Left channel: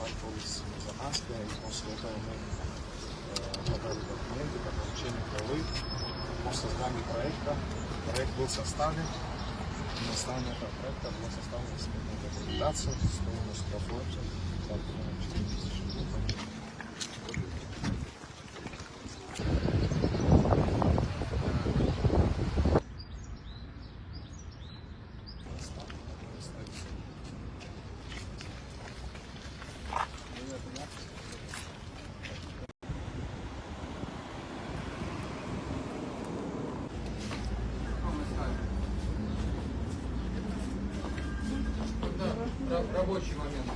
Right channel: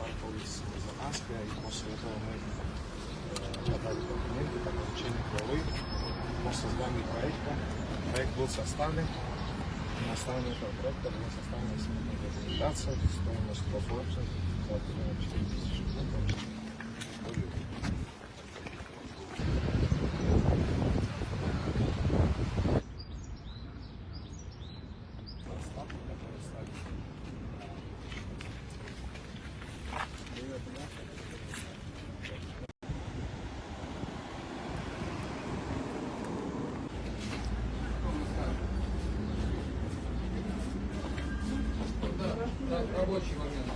контактовались с Мазнанской, и после этого мы подали документы по получению хвалы по созданию проекта. Проект был составлен. На основании этого проекта была составлена сметная документация, стоимость профлота 4 тысячи рублей. Рабочий момент.